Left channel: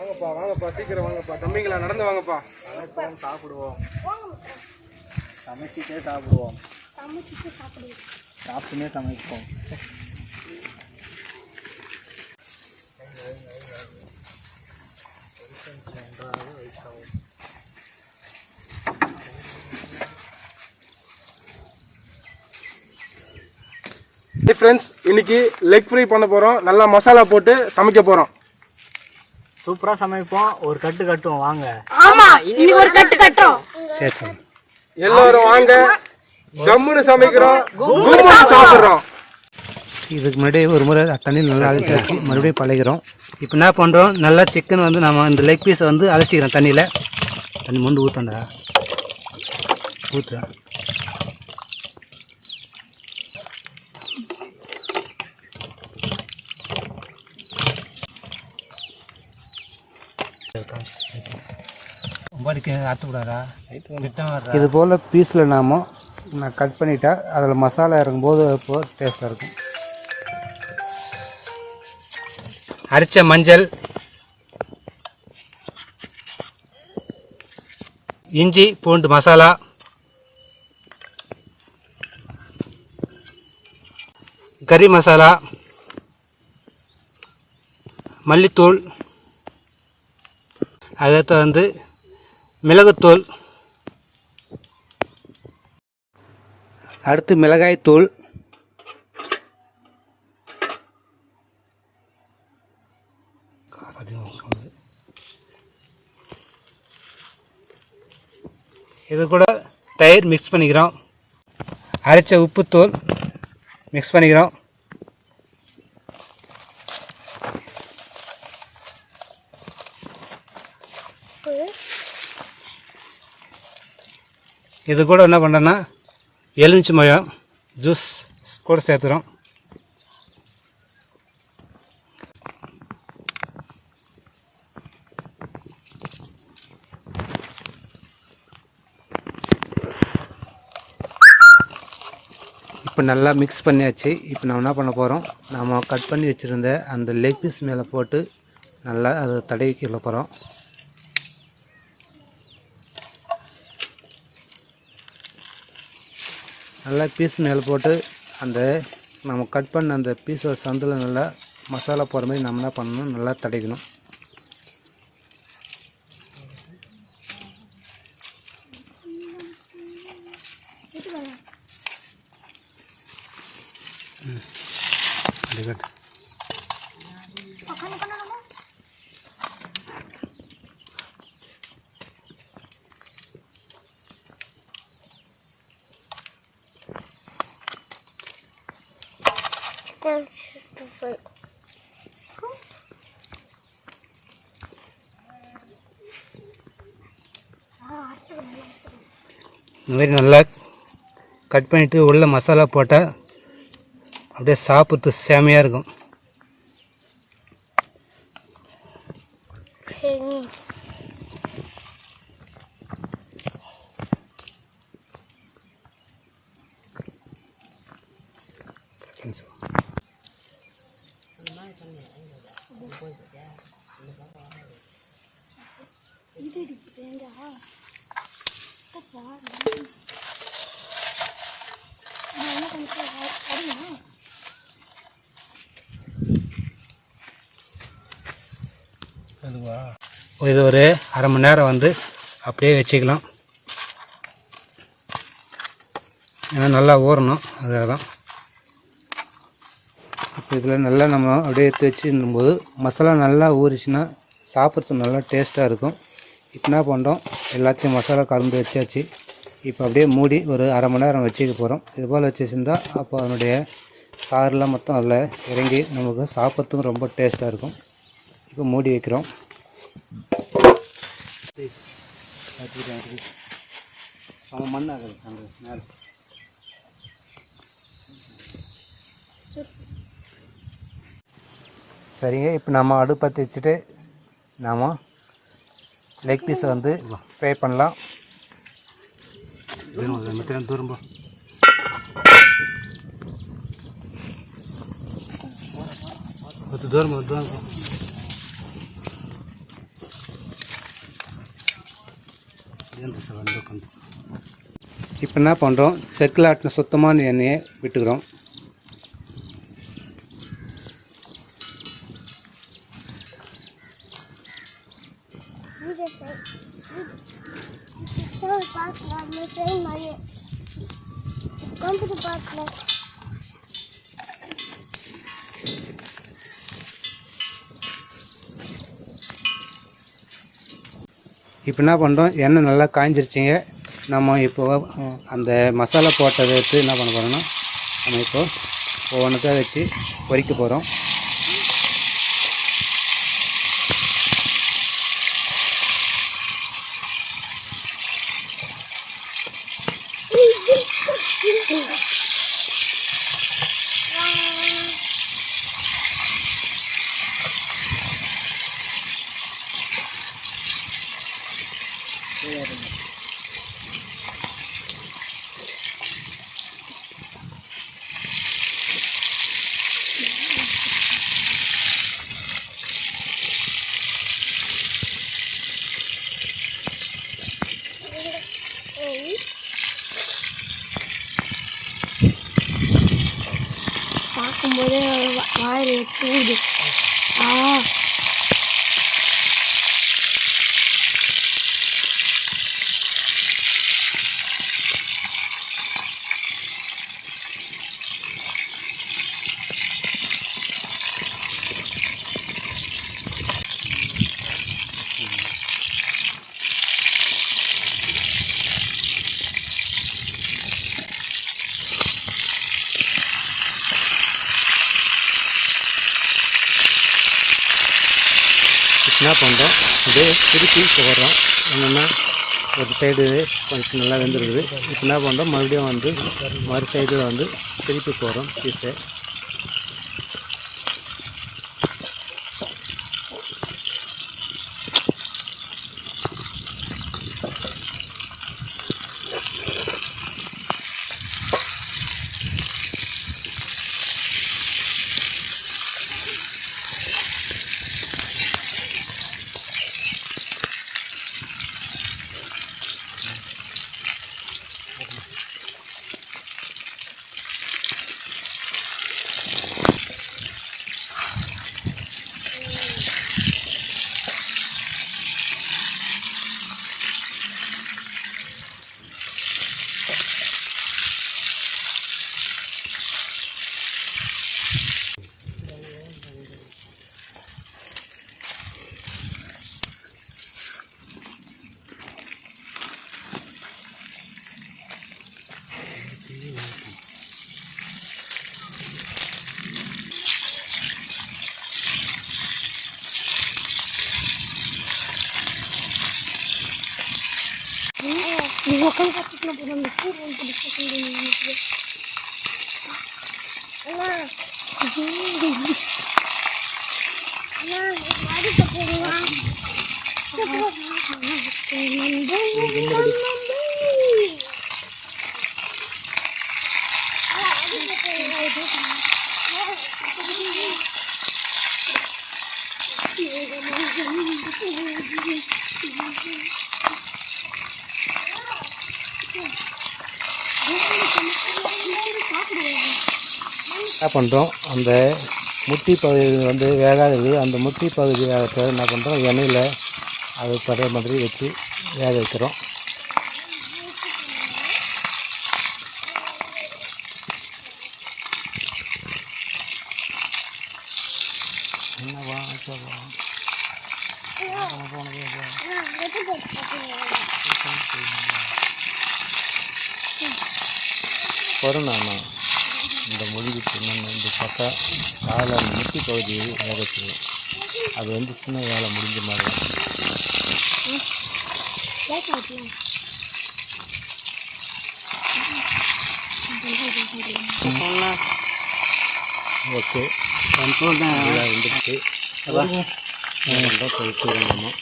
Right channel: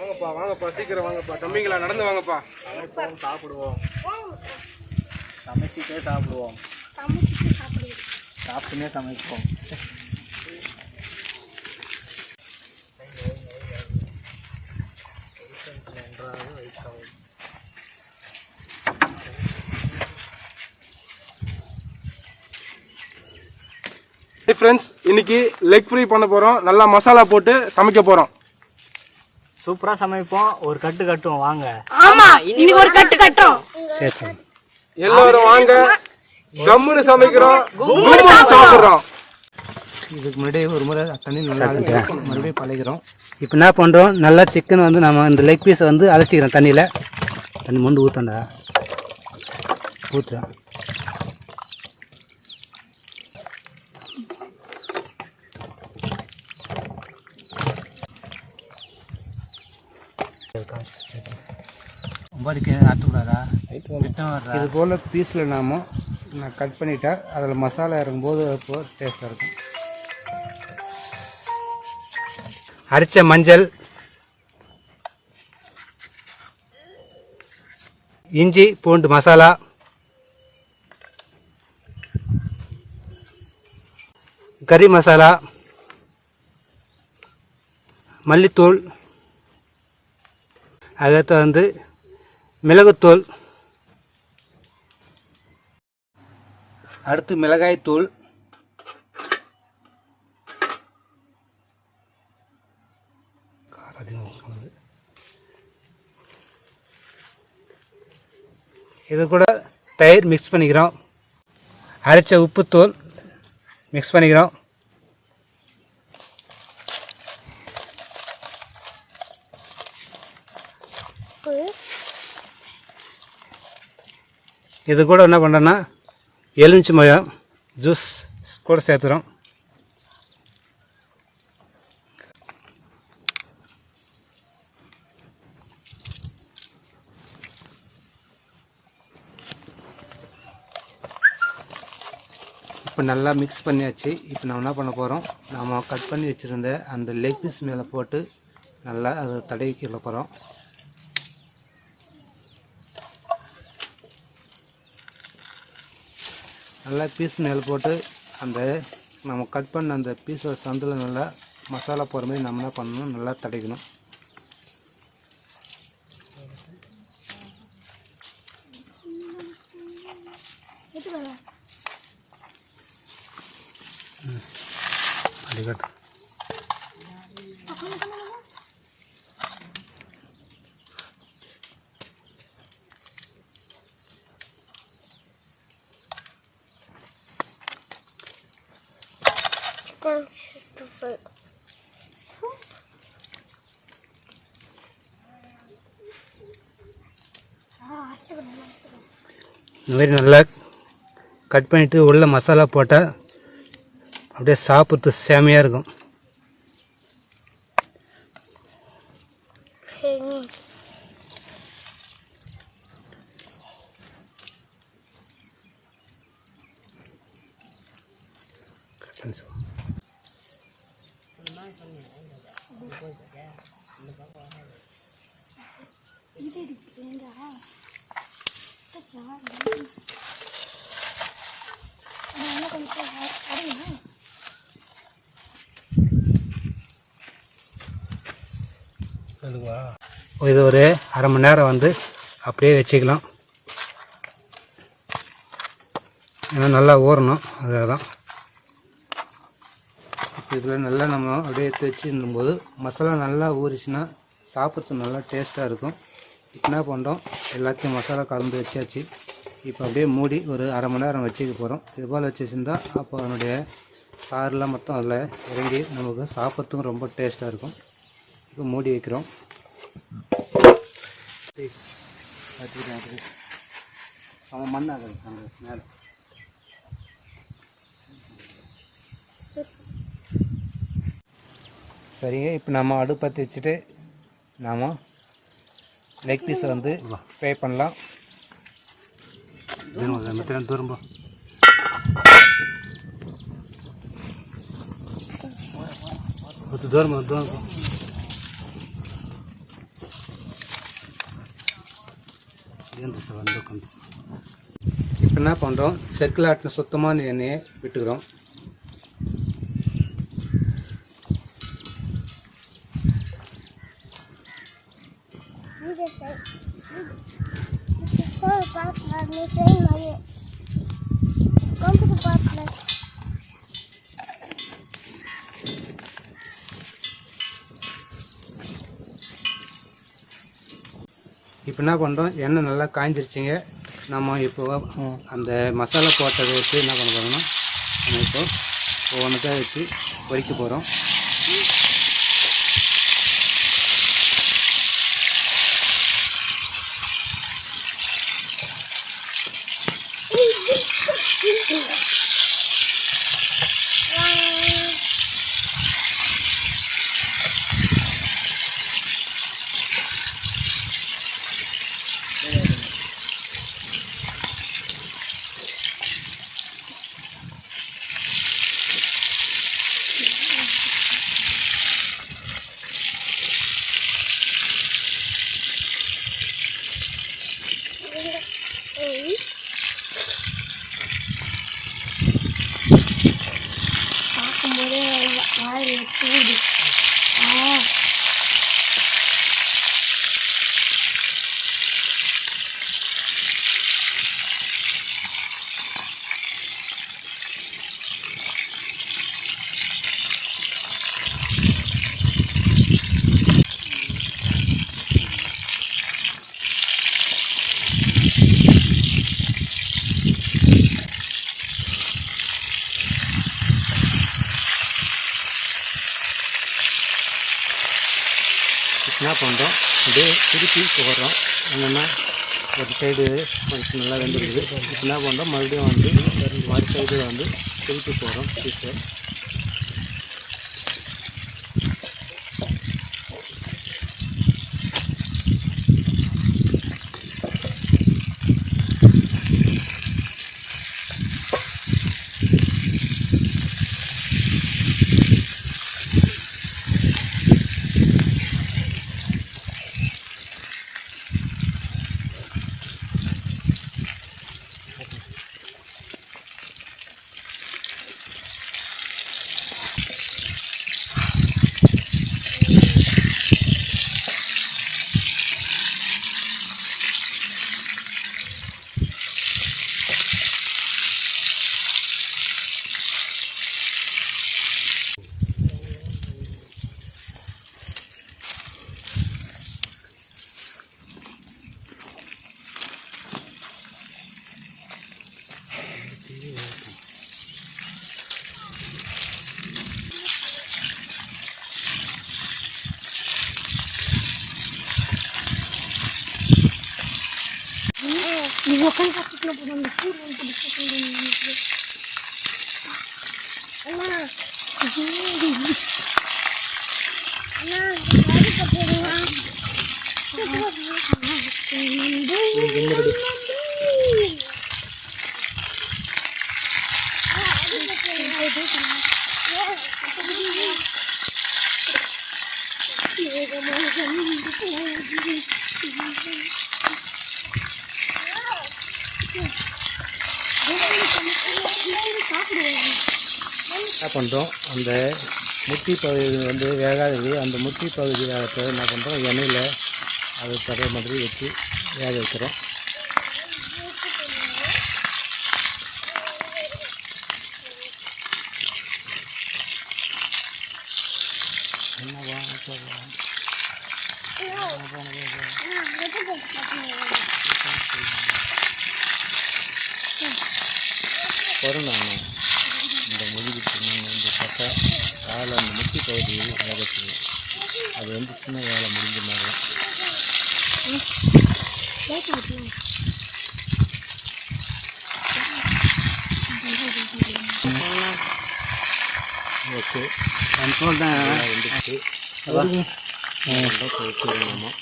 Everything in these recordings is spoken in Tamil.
வாங்கப்பா வாங்கப்பா சீக்கிரம் வாங்கப்பா தம்பிங்களா நடந்து வாங்கப்பா. சமைப்போம் சாப்பிடுவோம். சமைச்சிட்டே சாப்பிடுவோம். சாப்பிட்டுனே சமைப்போம். ஃப்ரெண்ட்ஸ் இன்னைக்கு லெக் ஃப்ரை பண்ண போகிறோம். நல்லா மசாலா போட்டு சமைக்க போகிறோம். சூப்பரா சமைப்போம். ஒரு கட்டு கட்டுவோம் வாங்க. ஆமா இன்னைக்கு ஒரு கட்டு கட்டுறோம். சரி எல்லாரும் வாங்க. ஜம்முன்னு சமைக்கிறோம், கும்முன்னு சாப்பிடுறோம். இதுக்கு முன்னாடி ஒரு முறை தண்ணியில் நல்லா அழைச்சி மறுபடியும் பழகிறோம். இப்போ என்ன பண்ணுறோம், நல்லா சிக்கன் வந்து நம்ம இந்த லெக் பீஸை வந்து அழைச்சிக்கிறோம் தண்ணியில். தண்ணி மொண்டு ஊற்றண்டா ஊற்றுறா. இது போல் பீஸில் நான் கட் பண்ணிட்டா அதில் மசாலா இறங்கும்போது இப்போ டேஸ்ட்டாக இருக்கும். அரைச்ச மஞ்சள், இஞ்சி பூண்டு மசாலா, கறி மசாலா, மல்லித்தூள், அடுத்து வந்து மிளகுத்தூள், அடுத்து மிளகாய்த்தூள், இது கூட தயிர் மிக்ஸ் பண்ணிக்கிறோம். அரைச்ச உப்புத்தூள் மிக்ஸ் பண்ணிக்கிறோம். இது கூட என்ன பண்ணுறோன்னா எலுமிச்சை பழம் ஜூஸ் கூட சேர்த்துறோம். இப்போ நல்லா மிக்ஸ் பண்ணியாச்சு. இப்போ நம்ம என்ன பண்ண போகிறோம், நம்ம கட் பண்ணி வச்சுருந்த அந்த லெக் பீஸ் மேலே போட்டு நல்லா அதை தடவிக்கிற போகிறோம். நல்லா பீஸ் மேலே போட்டு அந்த நம்ம கட் பண்ண அந்த பீஸோட சந்தில் நல்லா மசாலா போகிற மாதிரி நம்ம என்ன பண்ணணும், நல்லா தடைக்கணும். அடிக்கட்டு இந்த மாதிரி நல்லா கட் பண்ணிவிட்டு உள்ள மசாலா போட்டால் அப்படியே சாப்பிட்டு செமையாக இருக்கும். இது ஒரு அரை மணி நேரம் வந்து அப்படியே வச்சுக்கலாம். ஏன்னா நல்லா ஊறணும், அதுக்காக தான். இப்போ இதில் நல்லா நம்ம அப்படியே எடுத்து வச்சுருக்கும்போது மசாலா நல்லா ஊறிச்சுன்னா சாப்பிட்றது நல்லா டேஸ்ட்டாக இருக்கும். இப்போ என்ன பண்ணுறோம், எல்லாத்தையும் மசாலா கலந்து வச்சாச்சு. இப்போ அப்படியே மூடி ஒரு அரை மணி நேரம் வச்சுக்க போகிறோம். இது போல் வச்சுருந்தால் அப்போ அதனுடைய சாரெலாம் மொத்தம் அதில் இறங்கி நமக்கு சாப்பிட்றதுக்கும் ரொம்ப டேஸ்ட்டாக இருக்கும். இப்போ மூடி வைக்கிறோம். மண்ணாக அந்த மேலே சரிங்க. இப்போ நம்ம அடுப்பு பற்றி வச்சுட்டு நாம் லெக் பீஸை வந்து ஃப்ரை பண்ணலாம். தூரம் தூரம் இப்போ என்ன பண்ணுறோம், செக்கில் ஆட்டின சுத்தமான எண்ணெயை விட்டுக்கிறோம். இப்போ என்ன பண்ணுறோம், எண்ணெய் நல்லா காய்ஞ்சிருச்சிங்க. நம்ம இப்போ அந்த மசாலா போட்டதை வச்சு என்ன பண்ண போகிறோம்னா, நம்ம இப்போ ஒவ்வொன்றுக்கா வச்சு பொரிக்க போகிறோம். பார்க்கும்போதே வாயில் தூது. என்ன பண்ணுறோம், அப்படியே திருப்பி போடுறோம். என்னென்னா ஒரு சைடு கொஞ்சம் நல்லா வெந்துருக்குது. இப்போ என்ன பண்ணுறோம், மறுபடியும் வந்து மறு சைடு வந்து திருப்பி போடுறோம் பீஸை. என்ன பண்ணுறோம், அந்த முட்டி பகுதி வந்து வேகாதது, அந்த முட்டி பகுதியை என்ன பண்ணுறோம், எண்ணெயில் அது படுற மாதிரி வச்சு வேக வைக்கிறோம். கொரோனா இந்த மொழிக்கு இந்த பக்கா காலை அந்த முட்டி பகுதியை வேக வச்சுருவோம். அது வந்து சின்ன வேலை முடிஞ்ச மாதிரி. ஓகே, வந்துடுச்சு. அதான் நம்ம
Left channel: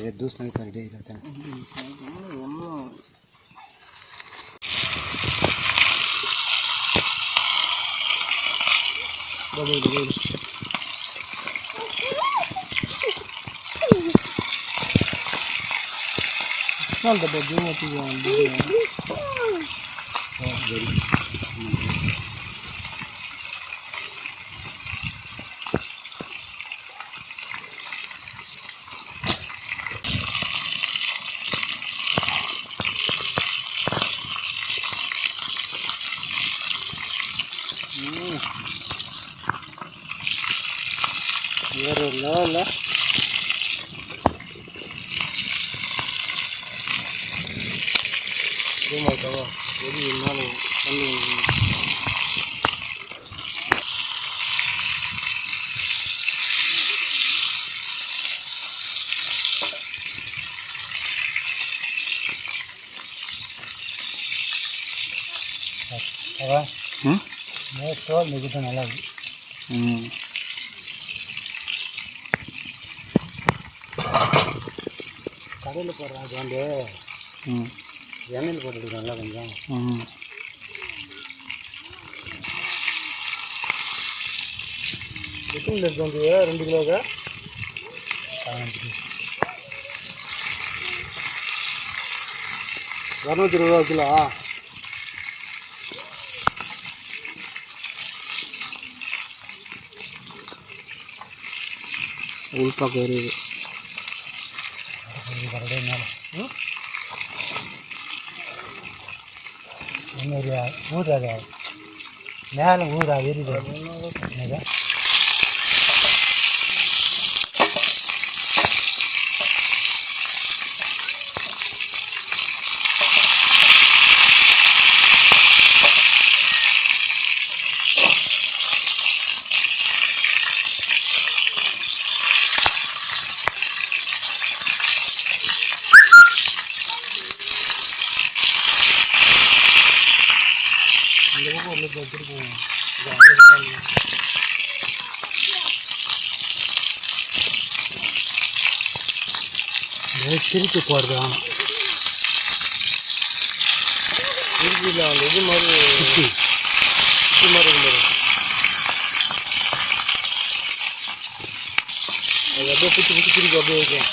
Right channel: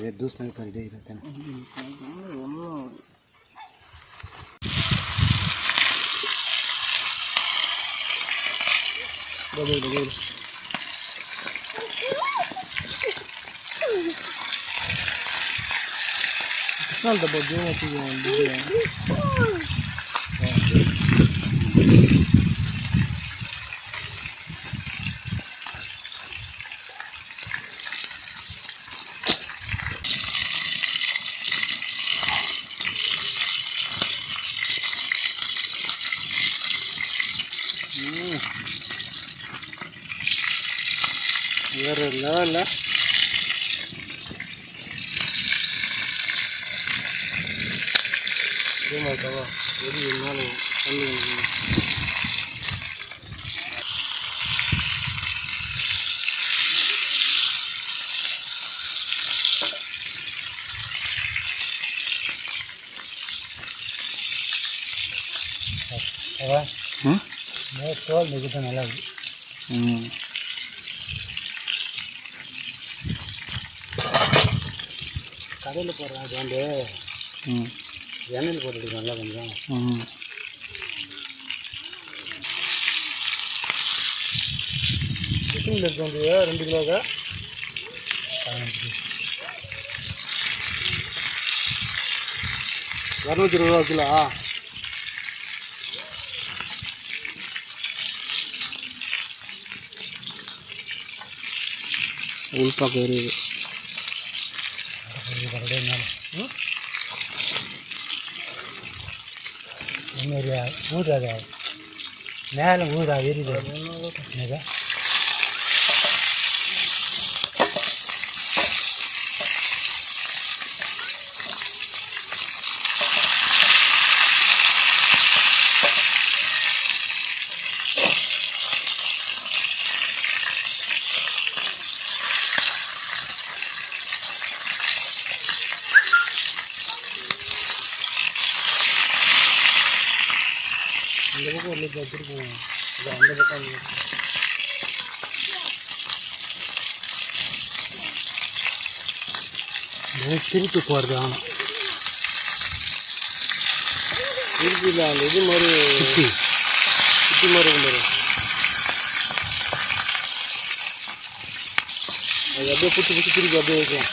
दूस नहीं कर दे रहता வேறு லெவலில் மாட்டாவா வெடி இருந்தாலும் தண்ணி தோல் மிகிட்ட நல்லா இருக்கு கடையில் போடுறாங்க அது வந்து எண்ணெயில் போட்டுட்டு நல்லா கொஞ்சம் எத்தனை இருக்கு வந்து 2 கிலோக்கா 220 கிலோ உள்பாக்க எரியுது ஊறாது மேலே ஊறா எரியுது திருப்பி போகிறது ஆனால் திருப்பியில் அந்த இது மாதிரி சுற்றி மாதிரி மாதிரி அது அப்படியே சுற்றி சுற்றி திருப்பி அப்படியே வைக்கும்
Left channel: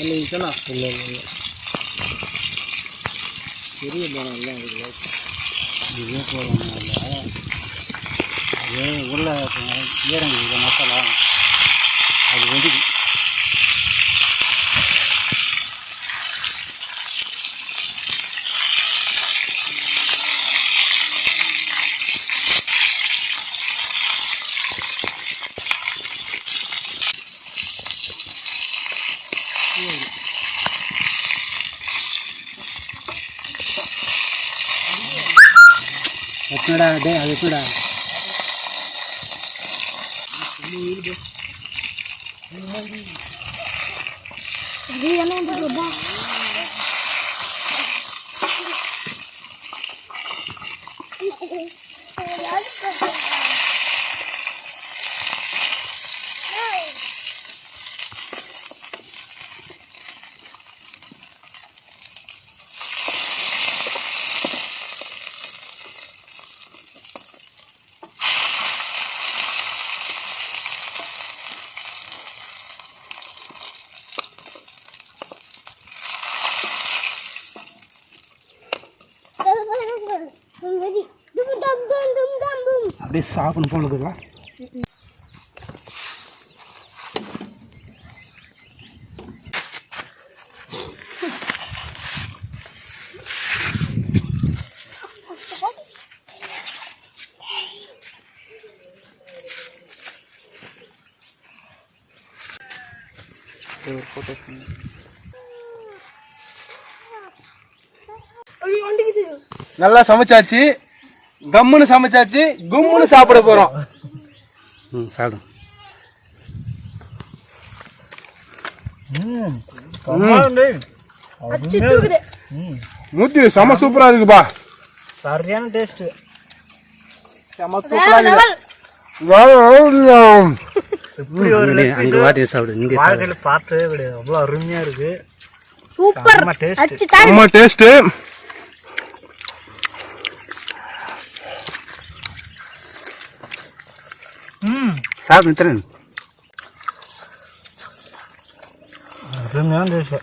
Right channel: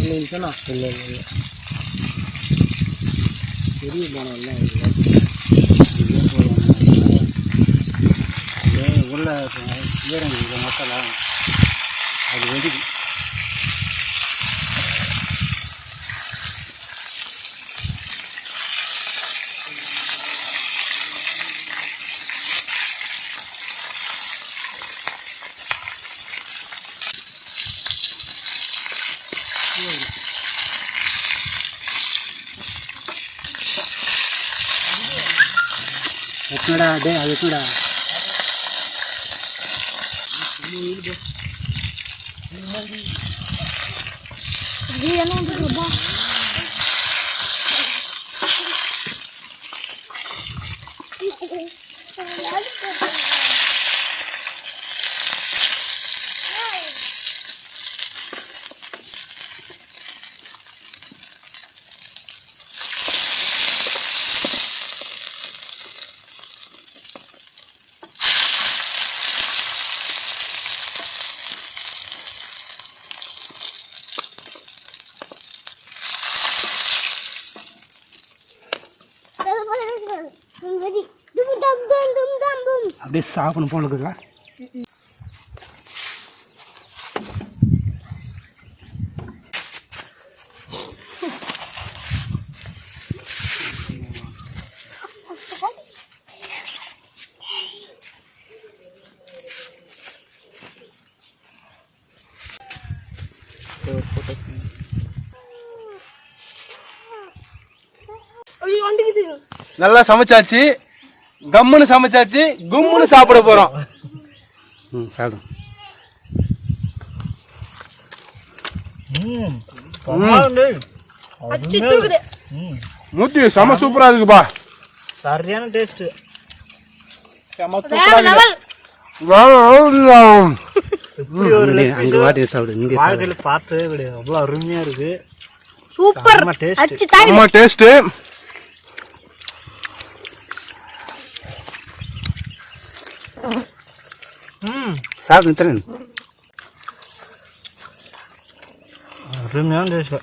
இல்லைங்களா இல்லை இல்லை பெரிய மரம் எல்லாம் இருக்குது இதே போடுவாங்க உள்ள ஈரங்க இது மசாலா அது வெடிக்கும் எத்தனடா அது எத்தனடா அது என்ன இருக்குதா அப்படியே சாப்பிடணும் போல இருக்குதா நல்லா சமைச்சாச்சு கம்முன்னு சமைச்சாச்சு கும்முன்னு சாப்பிட போறோம் சாப்பிடும் மூர்த்தி செம சூப்பரா இருக்குப்பா சரியான டேஸ்ட் செம சூப்பரா இருக்கு அங்கே வாட்டி சாப்பிடு நீங்கள் வாழ்க்கையில் பார்த்ததே கிடையாது, அவ்வளோ அருமையாக இருக்குது. சூப்பர் அச்சு தாய் ரொம்ப டேஸ்ட்டு. சாப்பிடு மித்திரன். அருமையான டேஸ்ட்டு.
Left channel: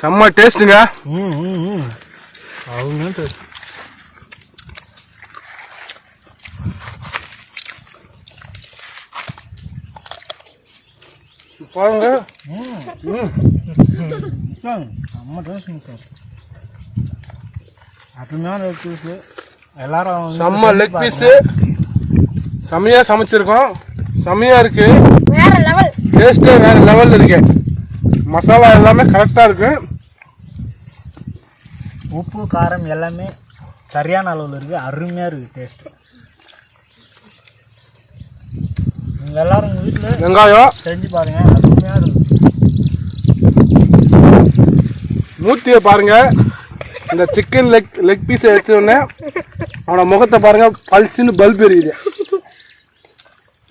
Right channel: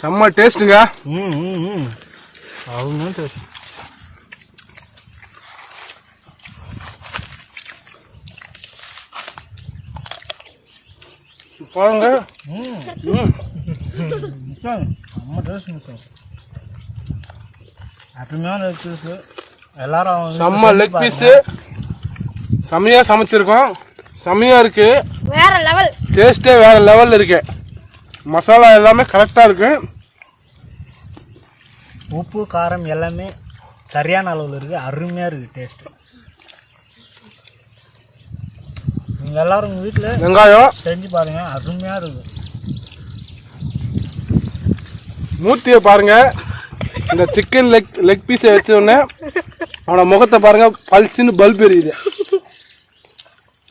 செம்ம டேஸ்ட்டுங்க. அருமையான டேஸ்ட். பாருங்க. செம்ம டேஸ்ட் மிச்சம். அருமையான லெக் பீஸு. எல்லாரும் செம்ம லெக் பீஸு. செம்மையாக சமைச்சிருக்கோம். செம்மையாக இருக்கு. வேற லெவல். டேஸ்ட்டே வேற லெவலில் இருக்கு. மசாலா எல்லாமே கரெக்டாக இருக்கு. உப்பு காரம் எல்லாமே சரியான அளவில் இருக்குது. அருமையாக இருக்குது டேஸ்ட்டு. நீங்கள் எல்லோரும் உங்கள் வீட்டில் வெங்காயம் செஞ்சு பாருங்கள், அருமையாக இருக்குது. மூர்த்தியை பாருங்க. இந்த சிக்கன் லெக் பீஸை வச்ச உடனே அவனோட முகத்தை பாருங்க, பல்ச்சின்னு பல்ப் எரியுது.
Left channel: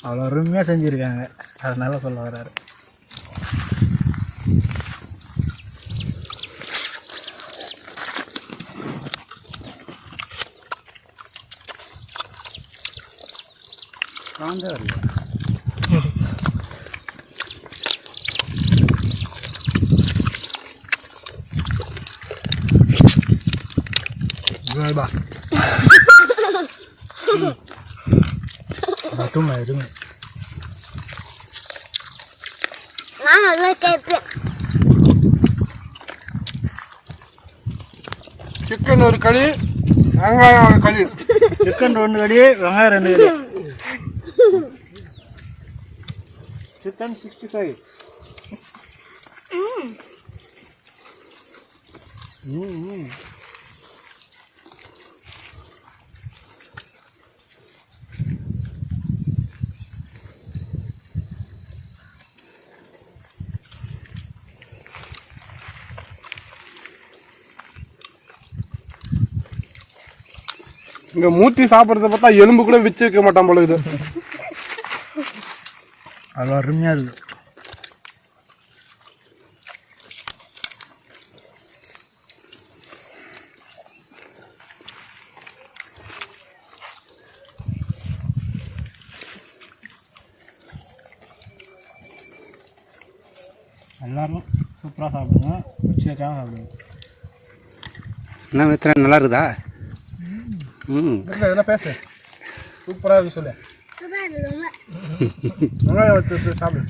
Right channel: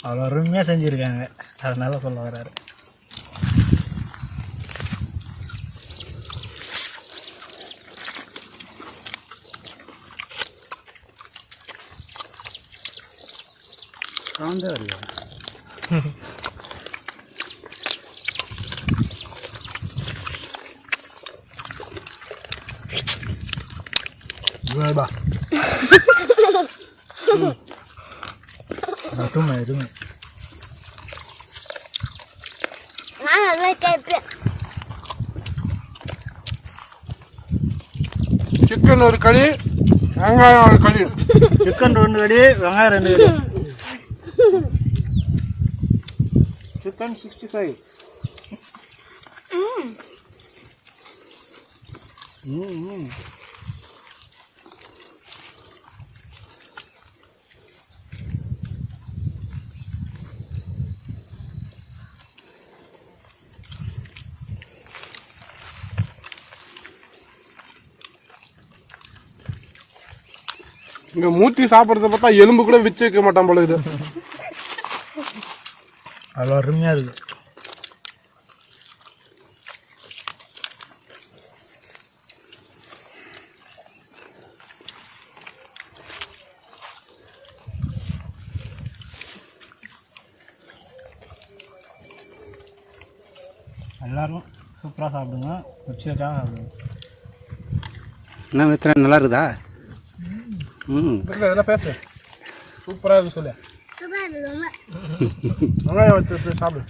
அவ்வளோ அருமையாக செஞ்சுருக்காங்க, அதனால சொல்ல வர்றாரு. மட்டும் எதுவும் நான் நல்லா கேட்பேன். சிக்கன் ஒரு களி, வெங்காயம் ஒரு களி. சிக்கன் 2 கடி, வெங்காயம் 2 கடி. சிக்கன் 65. இங்க மூர்த்தி சாப்பிட்றத பார்த்தா எலும்பு கூட வச்சு வைக்க மாட்டான் போல இது. அவ்வளோ அருமையாக இருக்குது. எல்லோரும் சூப்பராக சாப்பிடுங்க, வச்சு வைக்காம சாப்பிடுங்க. என்ன மித்திரன் நல்லா இருக்குதா? இதெல்லாம் பேசு. சூப்பராக இருக்கு சொல்லு. வெங்காயம் வச்சு சாப்பிடு.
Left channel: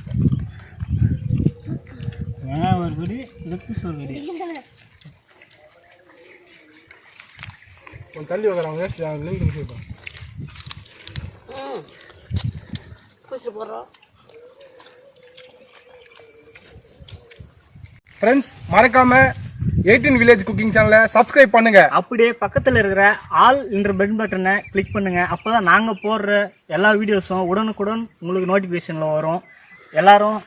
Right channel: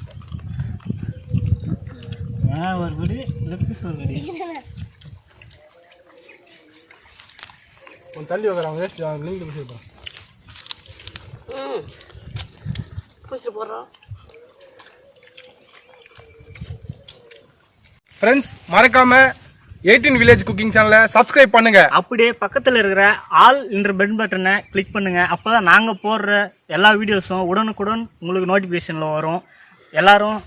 வெங்காயம் ஒரு கடி, லெக் பீஸ் ஒரு கடி. கொஞ்சம் தள்ளி வைக்கிறாங்க, வேஸ்ட் லிங்க் முடிச்சுருப்போம். ஃப்ரெண்ட்ஸ், மறக்காம 18 வில்லேஜ் குக்கிங் சேனலை சப்ஸ்கிரைப் பண்ணுங்க. அப்படியே பக்கத்தில் இருக்கிற ஆல் என்ற பெல் பட்டனை கிளிக் பண்ணுங்க. அப்போ தான் நாங்கள் போடுற எல்லா வீடியோஸும் உடனுக்குடன் உங்களுக்கு நோட்டிஃபிகேஷனில் வரும். எல்லாரும்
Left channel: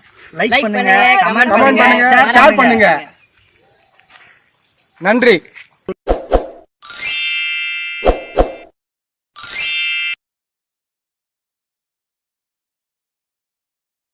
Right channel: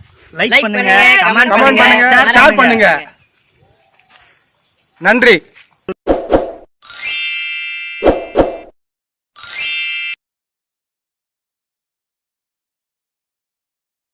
லைக் பண்ணுங்க, கமெண்ட் பண்ணுங்க, ஷேர் பண்ணுங்க. நன்றி.